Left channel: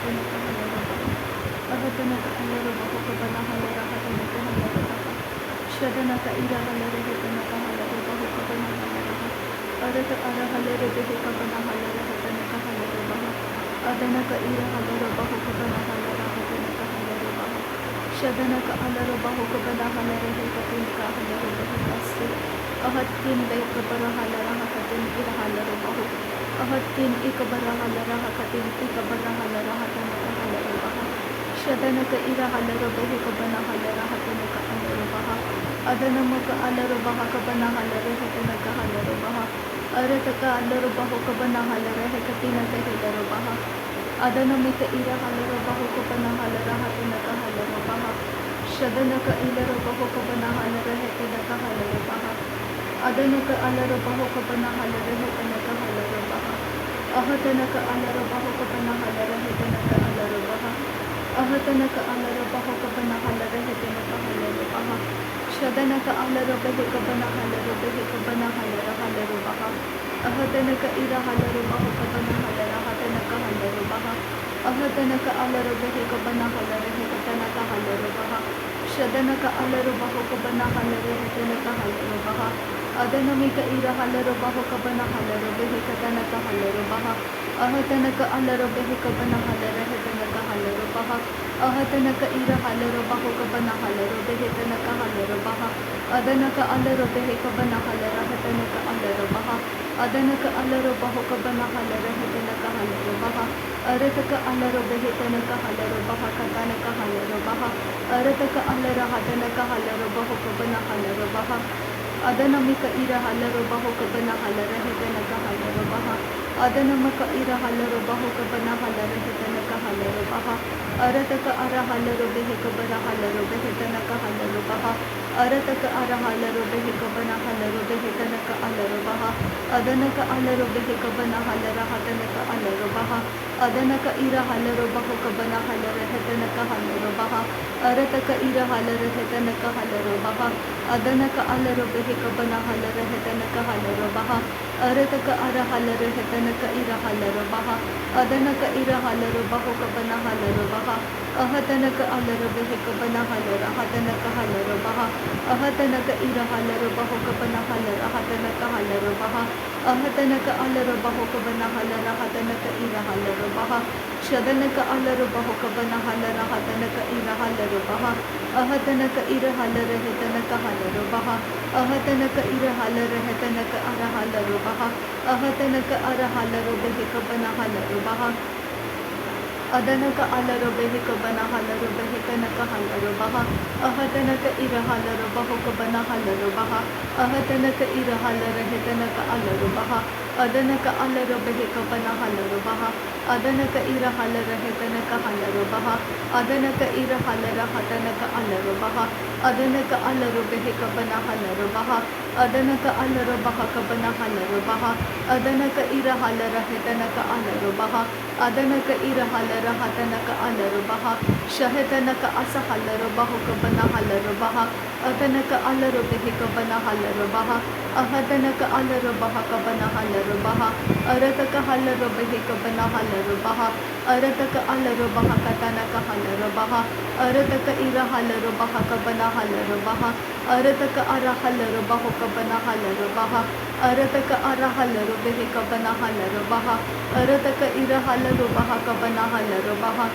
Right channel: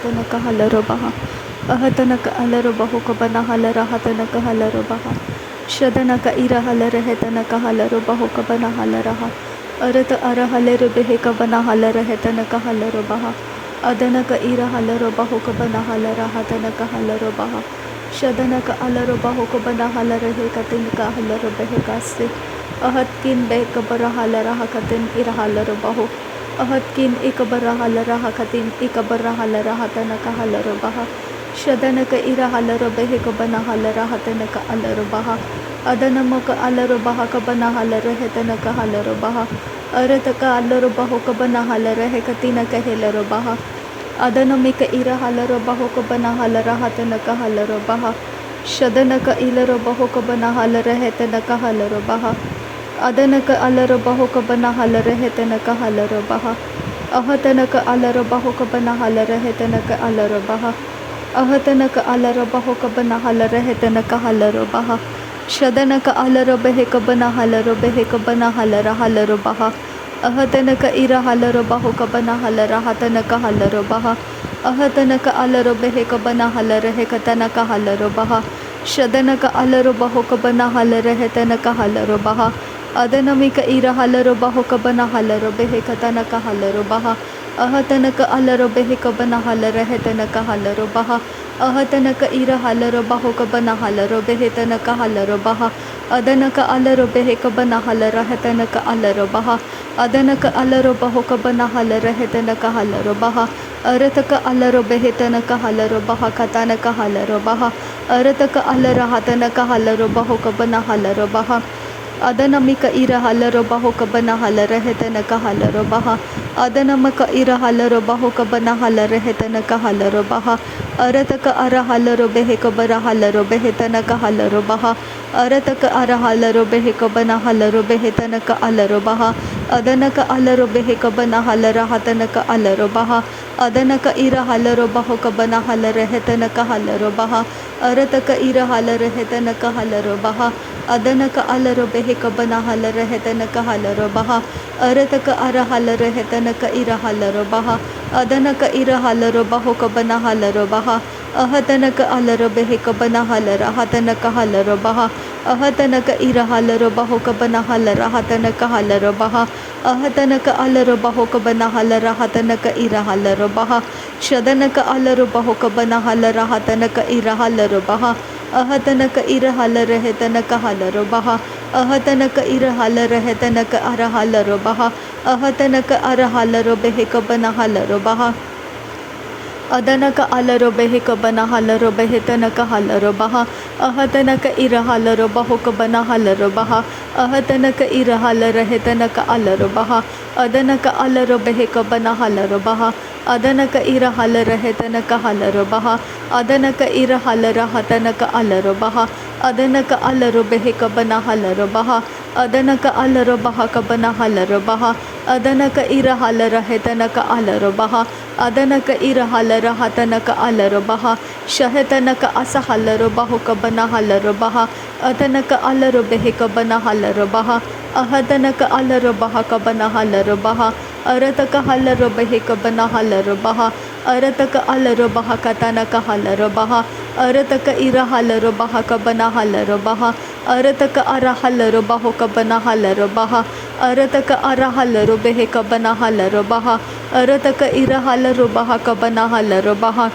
रहतनक हलरो बहा अहतनक अलरो बहु कबना हल रहतनक हलरो बहा शदनक इर हल रहतनक हलरो बहु कबना हल रहा अरत अर हलर बेह कबना हल रहतनक हलरो बहा अदनक इर हलरो बहु कबना हल रहतनक हलरो बहा शदनक अलरो बहु कबना हल रहे कतिनक हलरो बेह कासे अहत किन बेह कबर हल रहा कतिन इर हलरो बहु अहत किन एक बर हल रहा कतिन एक बर हल रहा तनक हलरो बहा शदनक इर हलरो बेह कबना हल रहा तनक अलरो बहा अदनमक अलरो बहा कबना हल रहे तनक हलरो बहा अरतक अलरो बहु कबना हल रहे कतिनक हेलरो बहा अदनमिक इर हलरो बहु कबना हल रहा तनक हलरो बहा शदनक इलरो बहु कबना हल रहे तनक हलरो बहा अदनक अलरो बहु कबना हल रहे तनक हलरो बहा अहतनक अलरो बहु कबना हल रहे तनक अलरो बहा अहतनक अलरो बहु कबना हल रहे तनक हलरो बहा शदनक अलरो बेह कबना हलरो बेह कबना हल हलरो बहा अहतनक इर हलरो बहु कबना हल रहा तनक हलरो बहा अहतनक अलरो बेह कबना हल रहे कतनक हलरो बहा शदनक अलरो बहु कबना हल रहे तनक हलरो बहा अदनमिक इर हलरो बहु कबना हलरो बेह कतनक हलरो बहा अहतनक अलरो बेह कबना हल रहे तनक हलरो बहा अहतनक इर हलरो बहु कबना हलरो बेह तनक हलरो बहा अदनक अलरो बेह कबना हल रहे तनक अलरो बहा अदनक अलरो बहु कबना हल रहे तनक हलरो बहा अरतक अलरो बेह तनक हलरो बहा कतनक हलरो बहा अरतक अलर हतनक हलरो बहु कबना हलरो बहा अदनमिक इर हलरो बहु कबना हल रहे तनक हलरो बहा अदनमक इर हलरो बहु कबना हल रहे तनक हलरो बहा अरतक अर हलरो बेह कबर हलरो बेह तनक हलरो बहा अरतक अर हलरो बेह कबना हलरो बेह तनक अलरो बहा अदनक अलरो बेह कबना हल रहा तनक अलरो बहा अदनक इर हलरो बहु कबना हल रहे तनक हलरो बहा अरतक इर हल रहे तनक हलरो बहा अदनक अलरो बेह कबना हल रहे तनक हलरो बहा अरतक अर हल रहे तनक इर हलरो बहा अदनक इर हलरो बहु कबना हलरो बहा अहतनक अलरो बेह कबना हल रहा तनक हलरो बहा अहतनक इर हलरो बहु कबना हल रहा तनक हलरो बहा अहतनक अलरो बहु कबना हल रहा तनक इर हलरो बहा शदनक अलरो बहु कबना हल रहा तनक इर हलरो बहा अहतनक इर हल रहे तनक हलरो बहा अहतनक इर हल रहे तनक अर हलरो बहा अहतनक अर हलरो बेह कबना हलरो बहा अदनक अलरो बेह कबना हलरो बेह तनक हलरो बहा अहतनक इर हलरो बहु कबना हलरो बहा अहतनक इर हल रहे तनक अलरो बहा अदनक अलरो बेह कबना हलरो बहा अदनक इर हल रहे तनक हलरो बहा अदनक इर हल रहा तनक अलरो बहा अदनक अलरो बेह कबना हलरो बहा अदनक अलरो बहा कबना हलरो बहा अदनक इर हल रहे तनक अलरो बहा अदनक इर हल रहा तनक अलरो बहा शहतनक अस हलरो बहु कबना हलरो बहा अदनक अलरो बेह कबना हलरो बहा अहदनक अलरो बहा कबना हलरो बहा अरतक हलरो बेह कबना हलरो बहा अरतक अलरो बहा कतनक हलरो बहा अरतक इर हलरो बहा कबना हलरो बहा अरतक अर हलरो बहु कबना हलरो बहा अरतक अर हलरो बेह कबना हलरो बहा अरतक इर हलरो बहा कबना हलरो बहा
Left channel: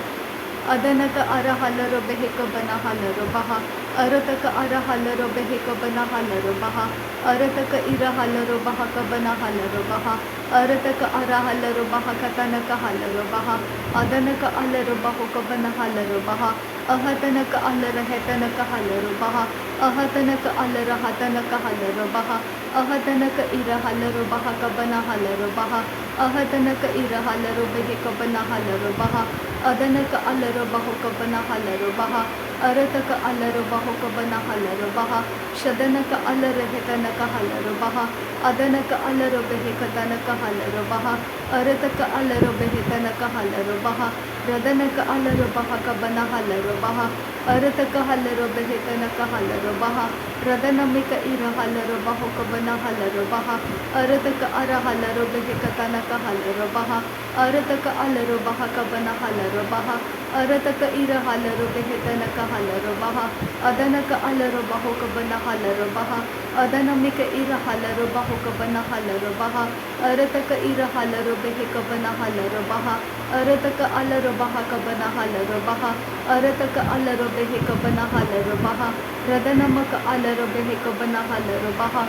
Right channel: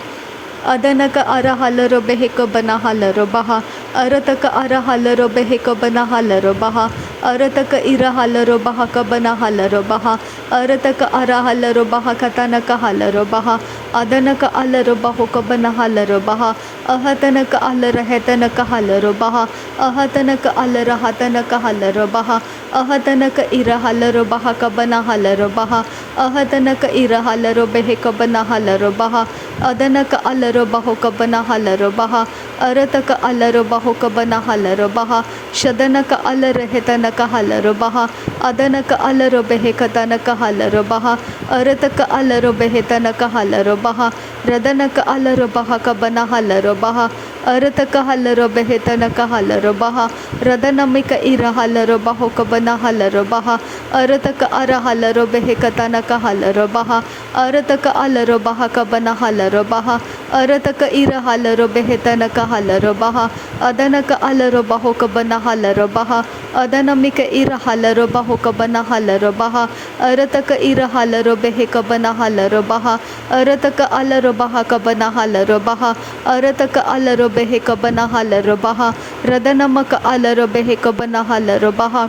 अदनक अर हलरो बेह कबना हलरो बहा अरतक अर हलरो बेह कबना हलरो बहा अरतक इर हलरो बहा कबना हलरो बहा अरतक अर हलरो बहा कतनक हलरो बहा अदनक अलरो बहु कबना हलरो बहा अहतनक अल रहे तनक हलरो बहा अहतनक अल रहा तनक हलरो बहा अहतनक इर हलरो बहा कबना हलरो बहा अहतनक इर हलरो बेह कबना हलरो बहा अदनक अलरो बहु कबना हलरो बहा अरतक अलरो बहु कबना हलरो बहा शदनक अल रहे तनक हलरो बहा अदनक अलरो बेह कतनक हलरो बहा अरतक अलरो बेह तनक हलरो बहा रदनक अलरो बहा कबना हलरो बहा अरतक हलरो बेह तनक हलरो बहा रदनमिक इरहलरो बहो कबना हलरो बहा अरतक अरहलरो बेहे कतनक हलरो बहा अरतक अलरो बहा कबना हलरो बहा अरतक इरहलरो बेहे तनक हलरो बहा अदनक अलरो बहो कबना हलरो बहा अदनमिक इरहलरो बहो कबना हलरो बहा अरतक इरहलरो बेहे कबना हलरो बहा अरतक अलरो बहा कबना हलरो बहा अरतक अलरो बेहे कबना हलरो बहा रदनमक अलरो बेहे कबना हलरो बहा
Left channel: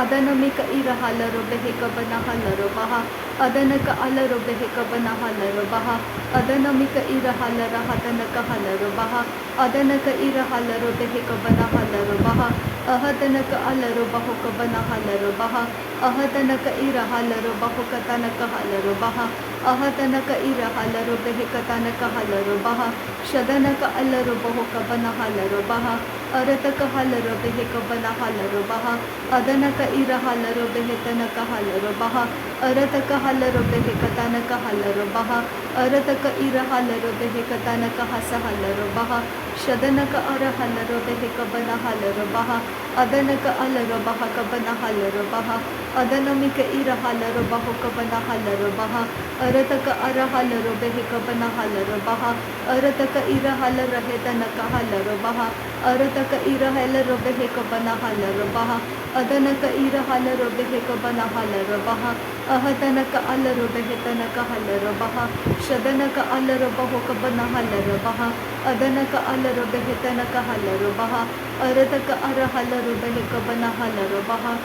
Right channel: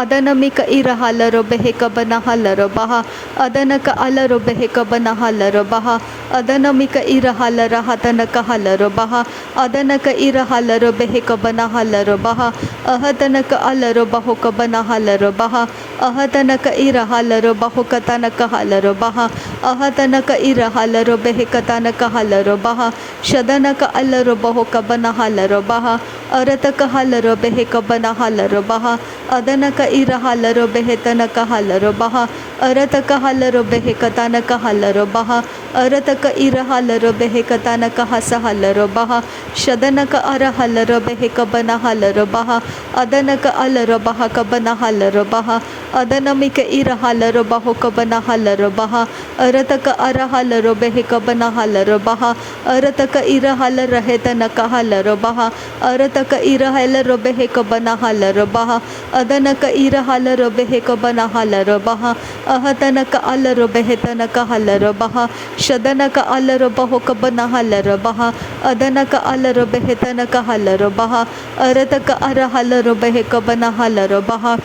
अदनमिक इरहलरो बेहे कबना हलरो बहा अदनक अलरो बेहे कबना हलरो बहा अदनमिक इरहलर हतनक हलरो बहा अदनक इरहलरो बेहे कबना हलरो बहा अहतनक अलरो बहो कबना हलरो बहा अहतनक इरहलरो बहो कतनक हलरो बहा अहतनक इरहलरो बेहे कतनक हलरो बहा शदनक अलरो बहो कबना हलरो बहा अरतक हलरो बेहे कबना हलरो बहा अदनक इरहलरो बेहे तनक हलरो बहा अरतक हलरो बेहे कतनक हलरो बहा अरतक इरहलरो बेहे कतनक हस हलरो बहा शदनक अरहलरो बेहे कबना हलरो बहा अदनक अलरो बहा कबना हलरो बहा अदनमिक इरहलरो बहो कबना हलरो बहा अरतक अरहलरो बेहे कबना हलरो बहा अरतक इरहल रहे तनक हलरो बहा अरतक इरहलरो बेहे कबना हलरो बहा अदनक इरहलरो बेहे कबना हलरो बहा अहतनक अलरो बेहे तनक हलरो बहा शदनक अलरो बहो कबना हलरो बहा अदनक अलरो बेहे तनक हलरो बहा अरतक अरहलरो बेहे कबना हलरो बहा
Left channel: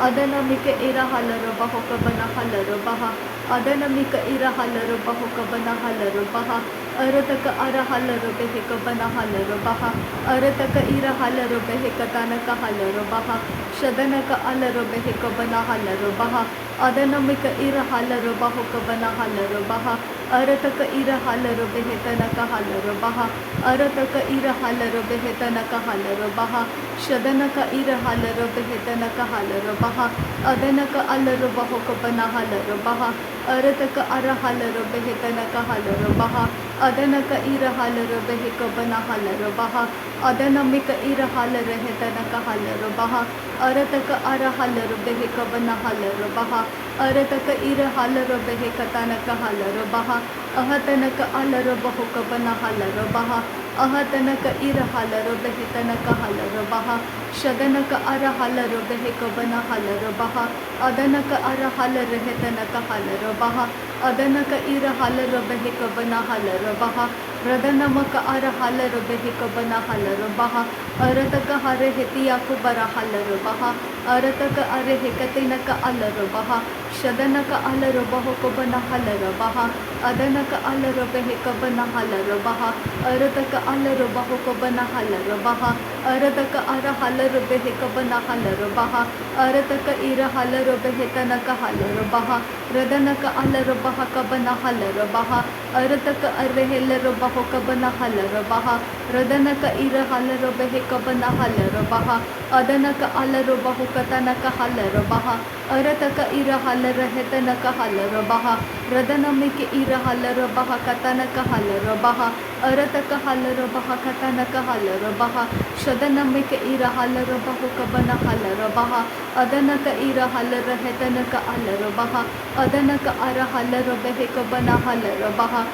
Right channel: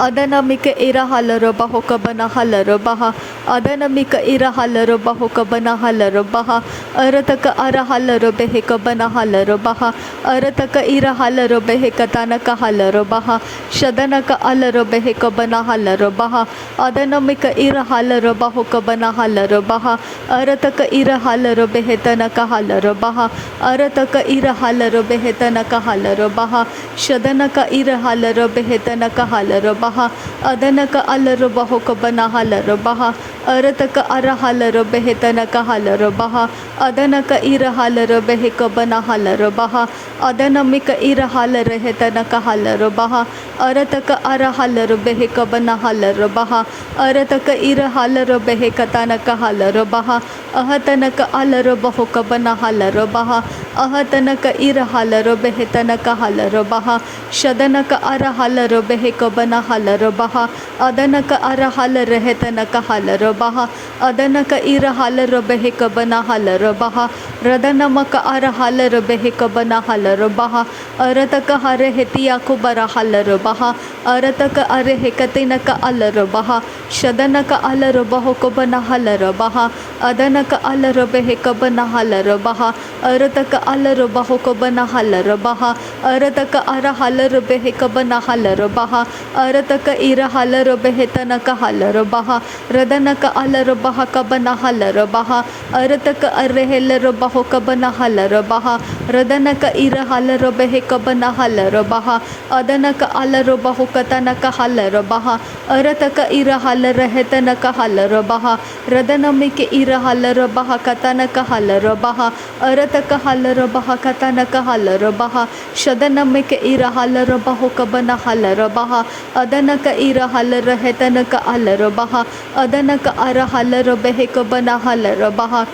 अदनमिक इरहलरो बहो कबना हलरो बहा अदनमिक इरहलरो बहो कबना हलरो बहा अरतक अरहलरो बेहे कबना हलरो बहा अरतक इरहलरो बेहे कतनक हलरो बहा शदनक अलरो बेहे कबना हलरो बहा अदनमिक इरहलरो बहो कबना हलरो बहा अरतक इरहलरो बेहे तनक हलरो बहा अरतक इरहलरो बेहे तनक हलरो बहा शदनक इरहलरो बेहे तनक हलरो बहा अदनक अलरो बहो कबना हलरो बहा अरतक अरहलरो बेहे तनक हलरो बहा अदनक इरहलरो बेहे कबना हलरो बहा अदनमिक इरहल रहे तनक हलरो बहा अरतक अरहलरो बेहे कबना हलरो बहा अरतक इरहलरो बेहे कतनक हलरो बहा अहतनक अलरो बहो कबना हलरो बहा अहतनक इरहलरो बेहे तनक हलरो बहा शदनक अरहलरो बेहे कबना हलरो बहा अदनक अरहल रहे तनक हलरो बहा अदनक इरहलरो बेहे कबना हलरो बहा रदनमक अरहलरो बेहे कबना हलरो बहा अरतक हरे हेतिया कुबरा हलरो बहा अरतक अरे हेकतिनक अलरो बहा शदनक अलरो बहो कबना हलरो बहा अदनक अलरो बेहे कबना हलरो बहा अरतक अलरो बहो कबना हलरो बहा अरतक अरहलरो बेहे कबना हलरो बहा अरतक इरहलरो बेहे तनक हलरो बहा रदनक अलरो बहा कबना हलरो बहा अरतक अरहलरो बहो कबना हलरो बहा रदनक इरहलरो बेहे कबना हलरो बहा अदनक अलरो बहो कतनक हलरो बहा अरतक इरहल रहे तनक हलरो बहा रदनमिक इरहलरो बहा कतनक हलरो बहा अरतक हलरो बहा कतनक हलरो बहा शदनमिक इरहलरो बहो कबना हलरो बहा अदनक इरहल रहे तनक हलरो बहा अदनक अरहलरो बेहे कबना हलरो बहा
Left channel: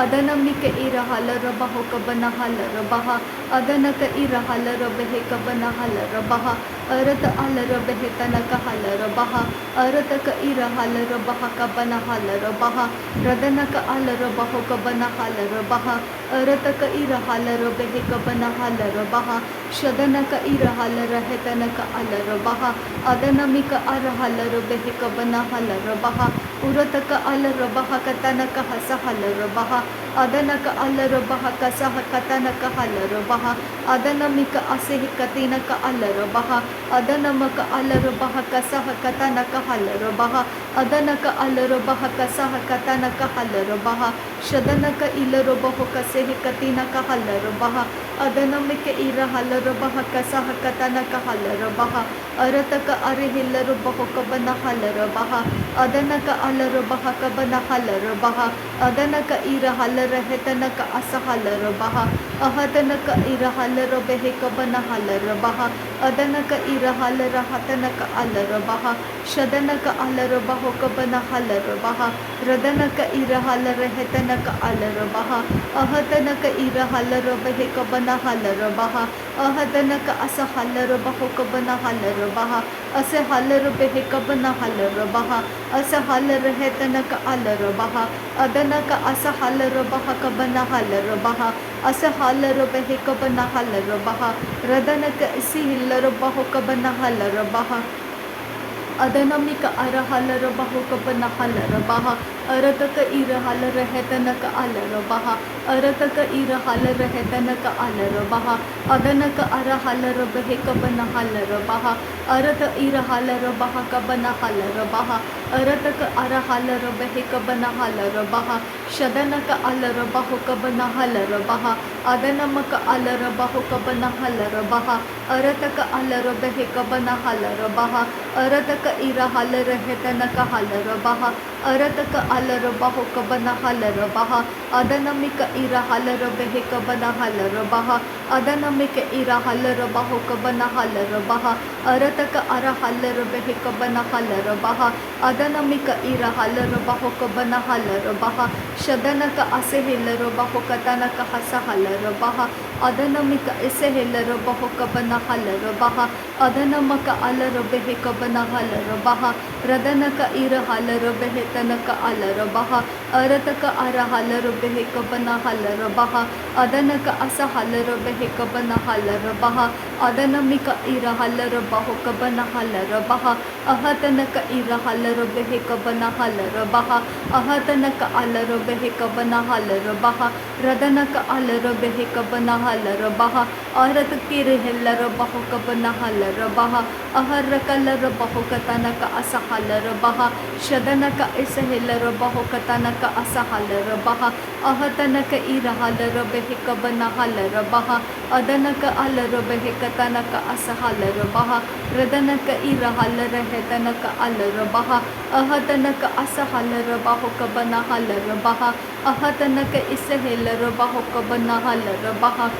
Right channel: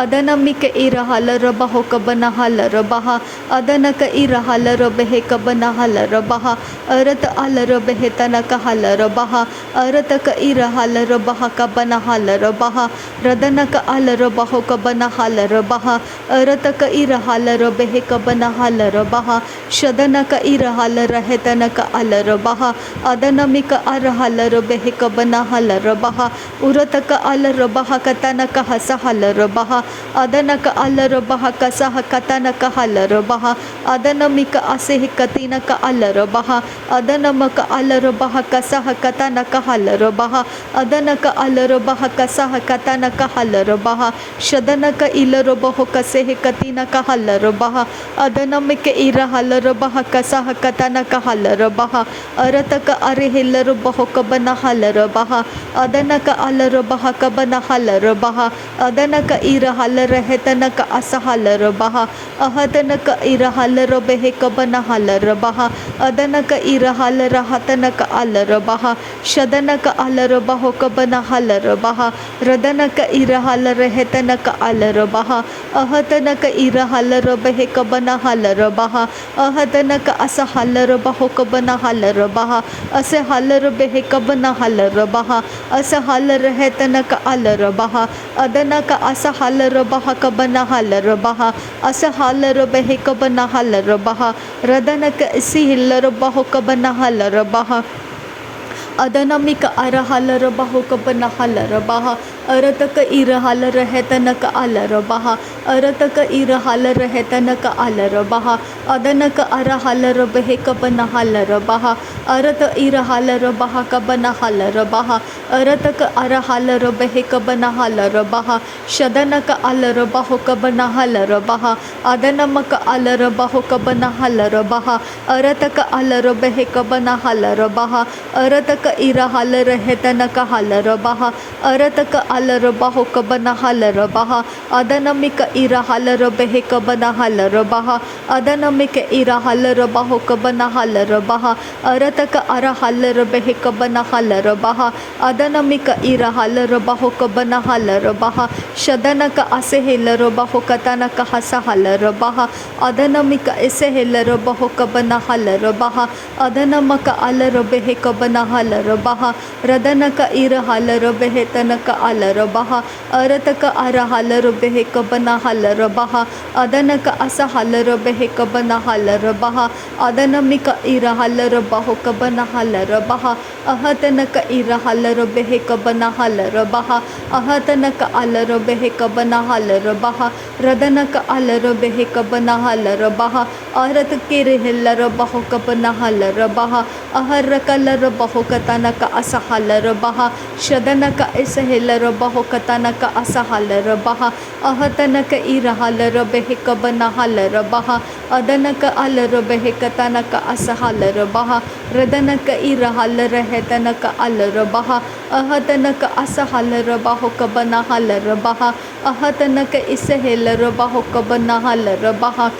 अदनमिक इरहलरो बहो कबना हलरो बहा अदनक इरहलरो बेहे कबना हलरो बहा अरत अलरो बेहे तनक हलरो बहा अरतक इरहलरो बहा कबना हलरो बहा रदनक अलरो बहो कबना हलरो बहा अरतक इरहलरो बेहे कबना हलरो बहा शदनक इरहल रहे तनक अलरो बहा अदनमिक अरहलरो बेहे कबना हलरो बहा उरतक अलरो बहा कतनक हस हलरो बहा अदनक अलरो बहा कसह कतनक हलरो बहा अदनमिक असेह कतिनक अलरो बहा अदनमक अलरो बहा कसह कतनक हलरो बहा अदनक अलरो बहा कसह कतनक हलरो बहा शदनक इलरो बहो कसेह कतिनक हलरो बहा अदनमिक इरहलरो बहा कसह कतनक हलरो बहा अरतक अरहिलरो बहो कबना हलरो बहा अदनक अलरो बहा कबना हलरो बहा अदनक इर irahal rehetana ka asahal rabaha ahadana ka irahal robehe kabana hal rabaha adana ka irahal rahatana ka al rabaha shadana ka al rabaho kabana hal rabaha radana ka irahal rehetana ka al rabaha ahadana ka irahal robehe kabana hal rabaha ahadana ka asahal rabaho kabana hal rabaha ase hal robehe kabana hal rabaha ase hal rehetana ka al rabaha adana ka asa hal rabaha kabana hal rabaha asa hal rabehe kabana hal rabaha radana ka isi hil rabaho kabana hal rabaha अदनमिक अरहल रबाहो कबन हल रबाहा अरतक इरहल रहतनक अल रबाहा अरतक इरहल रहतनक अल रबाहा अदनक अरहल रबहे Cubbon हल रबाहा अरत इरहल रबाहा Cubbon हल रबाहा अरतक अरहल रबहे Cubbon हल रबाहा शदनक अल रबाहो कबन हल रबाहा अदनमक अल रबाहो कबन हल रबाहा अरतक अल रबहे कबन हल रबाहा अरतक इरहल रहतनक हल रबाहा अरतक अल रबाहो कबन हल रबाहा अदनमिक इरहल रबहे कबन हल रबाहा अदनमिक इरहल रबाहो कबन हल रबाहा अरतक अरहल रबहे कबन हल रबाहा अदनमिक इरहल रबाहो कबन हल रबाहा शदनक असेहिल रबाहो कतनक हसहल रबाहा अदनमिक इसेहिल रबाहो कबन हल रबाहा अदनमक अल रबहे कबन हल रबाहा रदनक इरहल रबहे तनक अल रबाहा अरतक अरहल रबहे कबन हल रबाहा अदनक असहल रबहे कबन हल रबाहा अदनमिक इरहल रबाहो कबन हल रबाहा अहतनक इरहल रबहे कबन हल रबाहा अहतनक अल रबहे कबन हल रबाहा रदनक अल रबहे कबन हल रबाहा अरत किरहल रबाहो कबन हल रबाहा अहरकल रबाहो कतनक असहल रबाहा शदनक इसहल रबाहो कतनक असहल रबाहा अहतनक इरहल रबहे कबन हल रबाहा अदनक अल रबहे कतनक असहल रबाहा रदनक इरहल रहतनक अल रबाहा अहतनक असहल रबाहो कबन हल रबाहा अहतनक इसहल रबाहो कबन हल रबाहा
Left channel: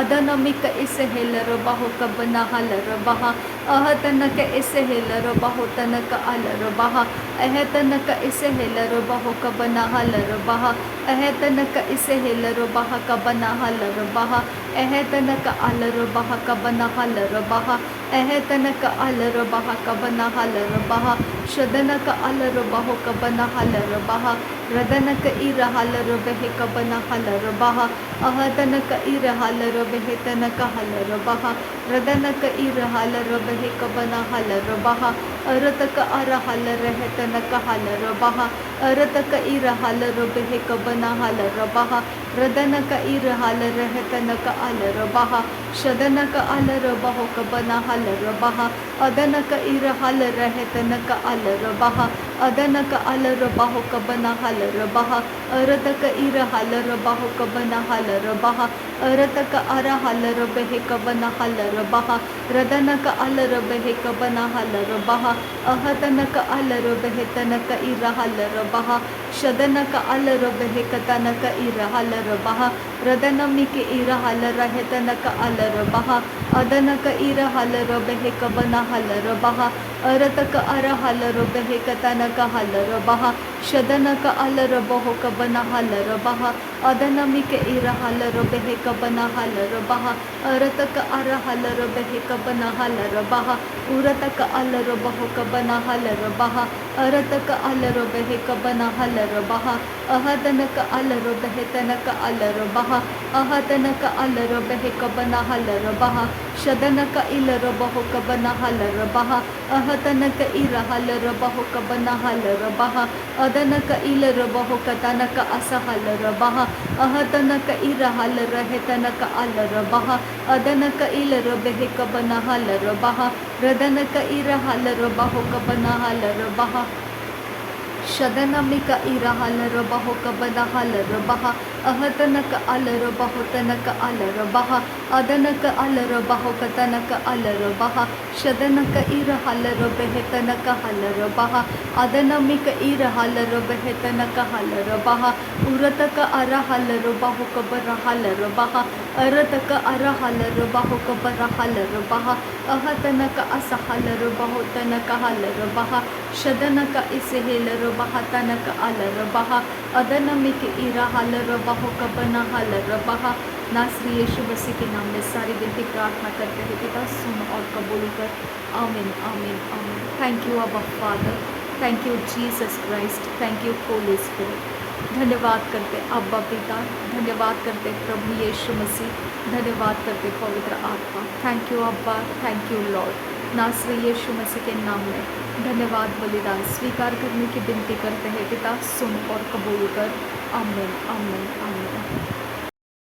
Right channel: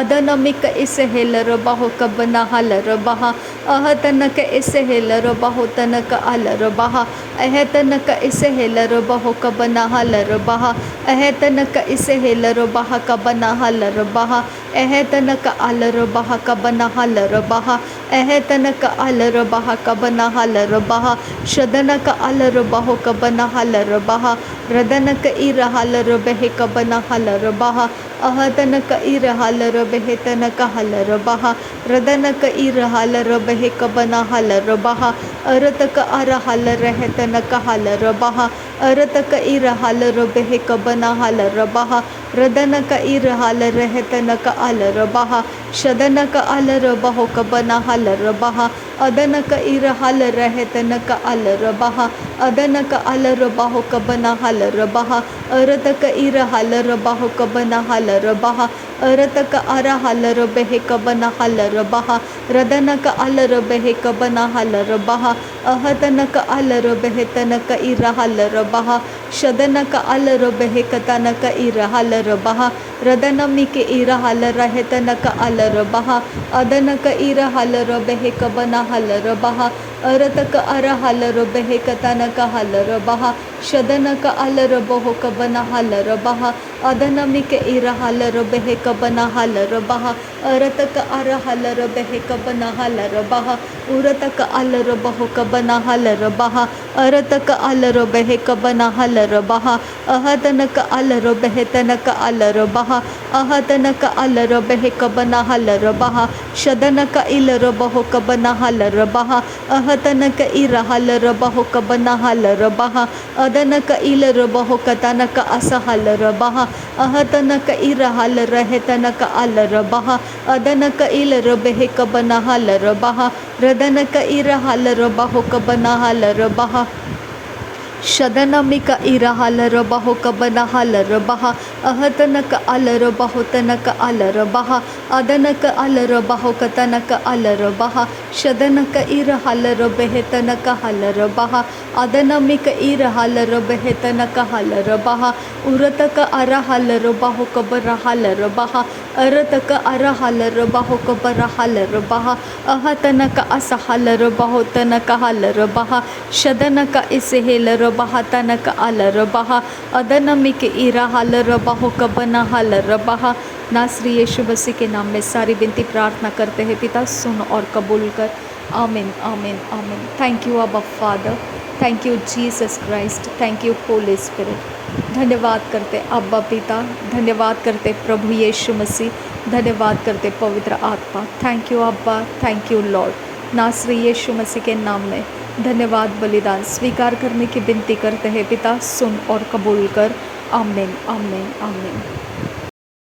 अदनमिक इसहल रबाहो कबन हल रबाहा अहतनक इसहल रबाहो तनक अल रबाहा अहतनक इसहल रबाहो कबन हल रबाहा अहतनक इसहल रबाहा कबन हल रबाहा अहतनक अल रबाहा कबन हल रबाहा अहतनक अल रबाहा कबन हल रबाहा शदनक अल रबाहो कबन हल रबाहा रदनक इरहल रबहे कबन हल रबाहा अहतनक इरहल रबहे तनक हल रबाहा रदनक इरहल रबहे कबन हल रबाहा अरतक अरहल रहतनक हल रबाहा अरतक इरहल रबहे कबन हल रबाहा रदनक इरहल रहतनक अल रबाहा शदनक अल रबाहो कबन हल रबाहा अदनक इरहल रहतनक अल रबाहा अदनक अल रबाहो कबन हल रबाहा अरतक इरहल रबाहो कबन हल रबाहा अरतक अरहल रबहे कबन हल रबाहा रदनक अल रबहे कबन हल रबाहा अहतनक अल रबहे तनक इरहल रबाहा शदनक अल रबहे कतनक इरहल रबाहा रदनमिक इरहल रहतनक अल रबाहा अदनक इरहल रबहे कबन हल रबाहा अरतक अरहल रबहे कतनक हल रबाहा शदनक अल रबहो कबन हल रबाहा अदनमिक इरहल रबहे कबन हल रबाहा अरतक अरहल रबहे कबन हल रबाहा उरतक अल रबहो कबन हल रबाहा अरतक अल रबहे कबन हल रबाहा अहतनक अल रबहे तनक अल रबाहा अहतनक अल रबहे कबन हल रबाहा शदनक इल रबहो कबन हल रबाहा अहतनक इरहल रबहो कबन हल रबाहा अदनक इल रबहो कतनक असहल रबाहा अहतनक इरहल रहतनक अल रबाहा अदनक इल रबहे कबन हल रबाहा रदनक इरहल रबहो कबन हल रबाहा शदनमिक इरहलरबह कबनहलरबह अहतनक अलरबह तनक अलरबह अदनक अलरबह कतनक अलरबह शदनक इरहलरबह तनक हलरबह अदनमिक इरहलरबह तनक हलरबह उरतक अरहलरबह कबरहलरबह अरतक अरहलरबह कबरहलरबह अहतनक असहलरबह तनक हलरबह शदनक इसहेलरबह तनक अलरबह अदनमिक इरहलरबह कबनहलरबह। नासरी यीशु मसीह के नाम में सारी विनती प्रार्थना करते हैं पिता, सुन और कबूल कर। आमीन आमीन आमीन। थैंक यू अब्बा father, thank you Jesus Christ, thank you Holi spirit. धन्यवाद करते अब्बा पिता, धन्यवाद करते प्रभु यीशु मसीह, धन्यवाद करते पवित्र आत्मा। थैंक यू अब्बा, थैंक यू लॉर्ड। नासरी यीशु मसीह के नाम में धन्यवाद बलिदान स्वीकार करने की विनती करते हैं पिता, सुन और कबूल कर। आमीन आमीन आमीन।